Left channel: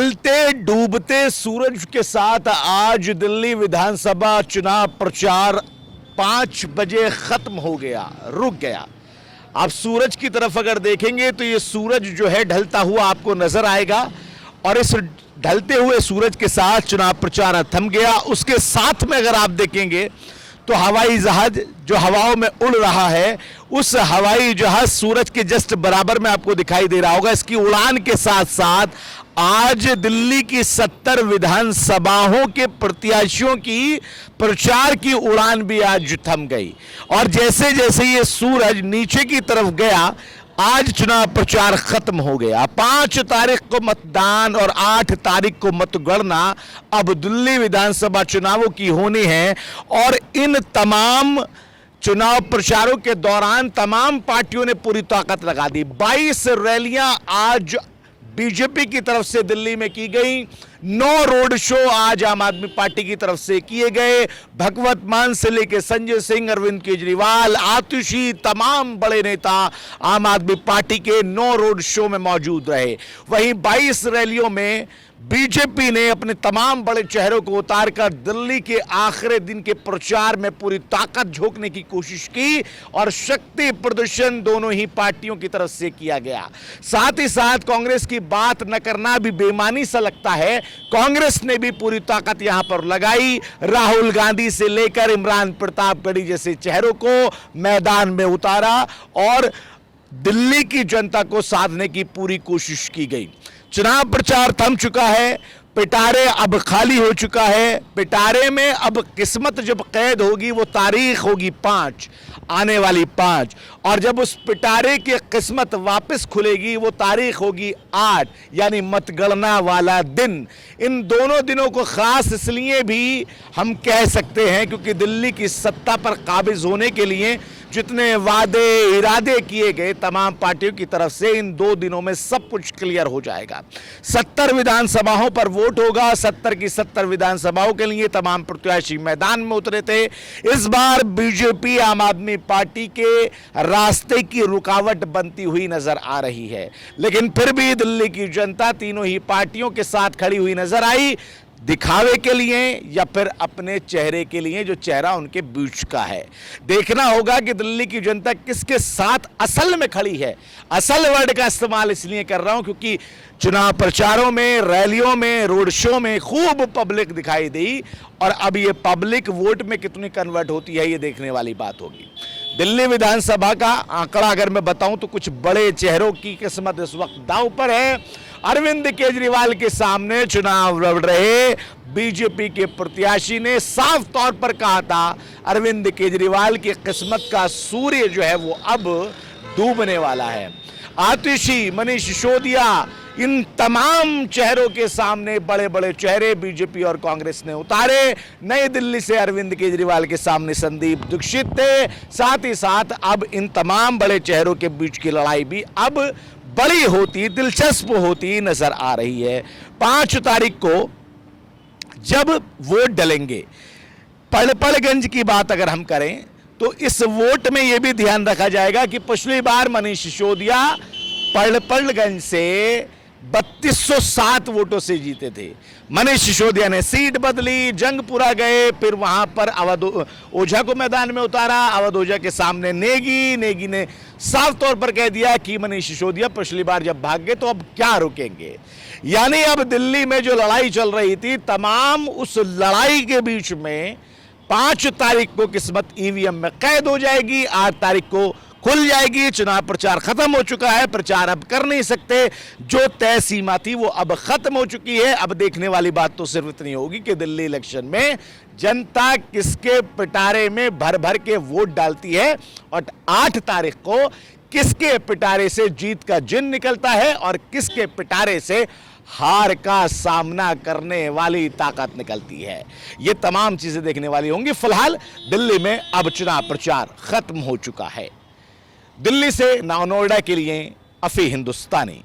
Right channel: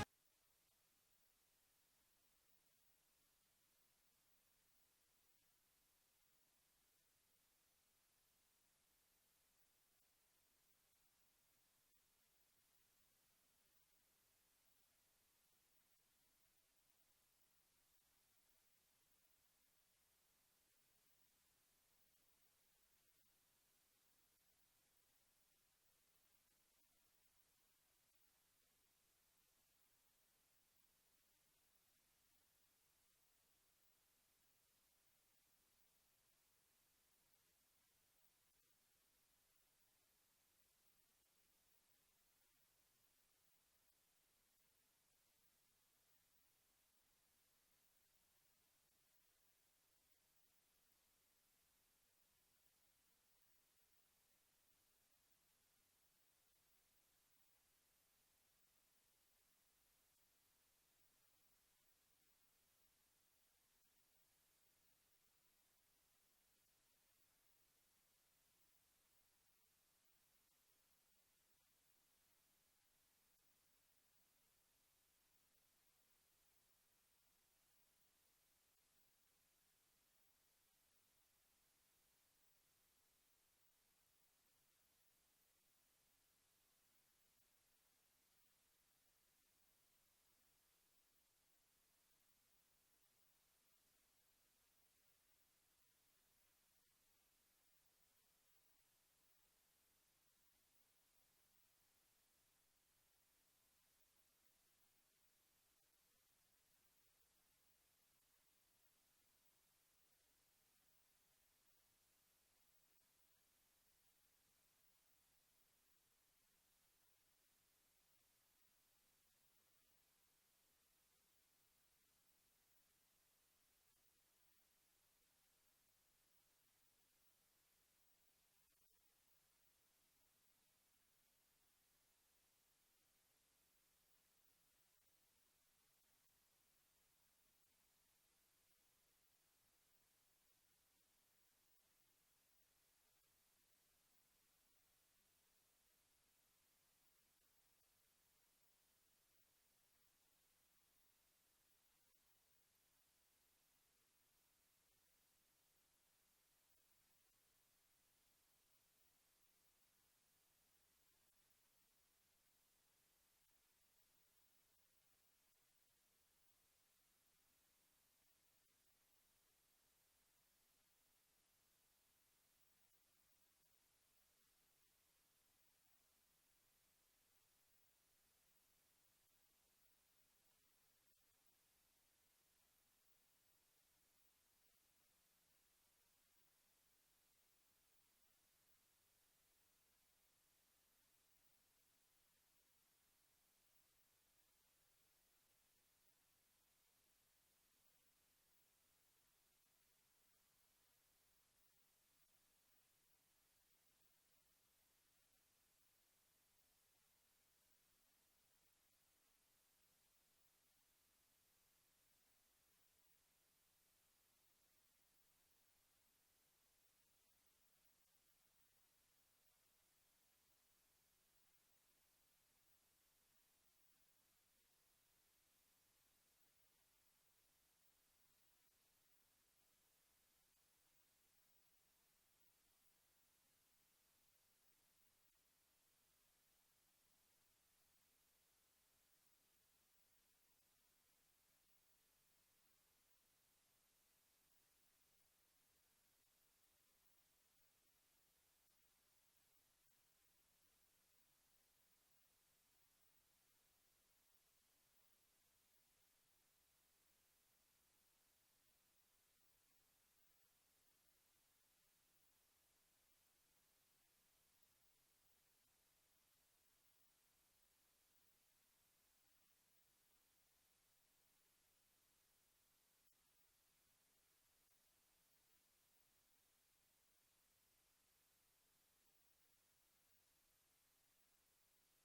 ढलते डूबते सूरज के साथ आज दिल्ली विधानसभा चुनाव प्रचार 5 बजे खत्म हो गया, रुक गया। आप सूरज की तरफ अगर देखेंगे तो ये सूरज जो है ढलता हुआ आपको नजर आएगा और इस ढलते हुए सूरज के साथ चुनाव प्रचार थम गया। उसके साथ में अगर आप देखेंगे तो हवाई जहाज जो हवाओं में उड़ रहा है, उस हवाई जहाज सूरज के जस्ट बराबर में आपको दिखाई दे रहा होगा। इसकी उड़ान के साथ साथ आज दिल्ली की 70 विधानसभाओं के प्रत्याशियों की प्रचार की उड़ान भी आज थम गई और जैसे जैसे ये सूरज नीचे की तरफ गया, आज चुनाव प्रचार खत्म हो गया। 5 तारीख को मतदान और 8 तारीख को मतगणना अब दिल्ली विधानसभा चुनावों की होनी है और इन तमाम चुनाव प्रचारों के दौरान तमाम पार्टियों ने पूरी ताकत लगा दी। 22 रैलियां आज बीजेपी की तरफ से दिल्ली में की गई, 9 रोड शो आज आम आदमी पार्टी की तरफ से किए गए। भगवत मान से लेकर संजय सिंह, अरविंद केजरीवाल, आतिशी, तमाम बड़े नेता आम आदमी पार्टी के 9 रोड शो में मौजूद रहे। वहीं 22 रैलियों में बीजेपी ने अपने तमाम बड़े चेहरों को उतारकर दिल्ली के आखिरी दिन के प्रचार में पूरी ताकत झोंकने की कोशिश की और शक्ति प्रदर्शन दोनों ही पार्टियों की तरफ से किया गया। साथ ही साथ कांग्रेस की बात न करना भी बेईमानी सा लगता है। कांग्रेस ने भी पूरी ताकत यहां पर लगाई, राहुल गांधी से लेकर इमरान प्रतापगढ़ी जैसे चेहरों को मैदान में उतारा और दिल्ली की जनता को साधने की पूरी कोशिश की गई। चुनाव प्रचार थम चुका है, पिटारे अब खाली हो चुका है। पिटारे में अब किस्मत जब कैद होगी वो तारीख होगी 5, आने वाली 5, और जब उस पिटारे की किस्मत वापस खुलेगी वो तारीख होगी 8, यानी मतगणना वाला दिन। इन दोनों दिनों को खास इसलिए भी हम कह सकते हैं क्योंकि दिल्ली की सत्ता पर काबिज होने के लिए जितने वादे इरादे किए गए तमाम पार्टियों की तरफ से, इन 2 दिनों में सब कुछ क्लियर हो जाएगा। 70 विधानसभाओं पर वोट होगा। 70 की 70 विधानसभाओं के लिए तमाम प्रत्याशी मैदान में उतरे थे। इस बार बीजेपी आम आदमी पार्टी के रास्ते की रुकावट बनती हुई नजर आ रही है, लेकिन फिर भी दिल्ली की जनता तीनों ही पार्टियों के साथ खड़ी हुई नजर आई, दिखावे के लिए या फिर अपने चेहरे के लिए जो चेहरा उनके बीच का है। देखना होगा कि दिल्ली की जनता किसके साथ असल में खड़ी है। असल वर्ड का इस्तेमाल इसलिए कर रहा हूं क्योंकि चुनाव प्रचारों में, रैलियों में, रोड शो में खूब पब्लिक दिखाई दी और अब ये पब्लिक वोट में कितनी कन्वर्ट होती है ये देखने वाली बात होगी। दिल्ली विधानसभा का आंकड़ा अगर मैं बताऊं तो कुछ बड़े चेहरों की किस्मत इस वक्त दांव पर है। अरविंद केजरीवाल के सामने चुनाव लड़ रहे बीजेपी के प्रत्याशी ने साफ तौर पर कहा था अरविंद केजरीवाल की किस्मत का सूर्य जो है वो अब डूबने वाला है। आतिशी, मनीष सिसोदिया, इन तमाम चेहरों के सामने बड़े बड़े चेहरे बीजेपी और कांग्रेस ने उतारे। नई दिल्ली से अरविंद केजरीवाल के सामने संदीप दीक्षित थे। साथ ही साथ अब इन तमाम बड़े चेहरों के बीच की लड़ाई भी अब बड़ी होती, दिलचस्प होती नजर आ रही है। 5 तारीख को जब वोट डलेंगे, पड़पड़गंज की बात अगर हम करें तो इस वोट में यह भी ध्यान रखा जाएगा कि पिछली बार मनीष सिसोदिया पड़पड़गंज से 3207 वोटों से जीते थे। मनीष सिसोदिया ने सीट बदली, जंगपुरा गए, फिर वहां पर अवध ओझा को मैदान में उतारा। अवध ओझा के सामने नेगी ने साफ तौर पर कह दिया कि मनीष सिसोदिया पिछली बार जब भाग गए तो अब क्या रुकेंगे। यानी अब दिल्ली में जो लड़ाई चल रही थी, तमाम उस लड़ाई के बीच में 5 तारीख को किस्मत ईवीएम में कैद हो जाएगी, 8 तारीख को खुल जाएगी। चुनाव प्रचार खत्म हो चुका है, प्रचार अब कर नहीं सकते। जो तय सीमा थी वो अब खत्म हो चुकी है। अब देखने वाली बात तो सिर्फ इतनी होगी कि दिल्ली इलेक्शन में जनता किसके पिटारे में भर भर के वोट डालती है और 8 तारीख को किसके पिटारे से जीत का जिन निकलता है और किसके पिटारे से हार का सामना करने वाली ताकत निकलती है। ये तमाम चीजें देखने वाली होंगी। फिलहाल दिल्ली में अब चुनाव प्रचार खत्म हो चुका है। दिल्ली से नोएडा के लिए अफी हिंदुस्तानी।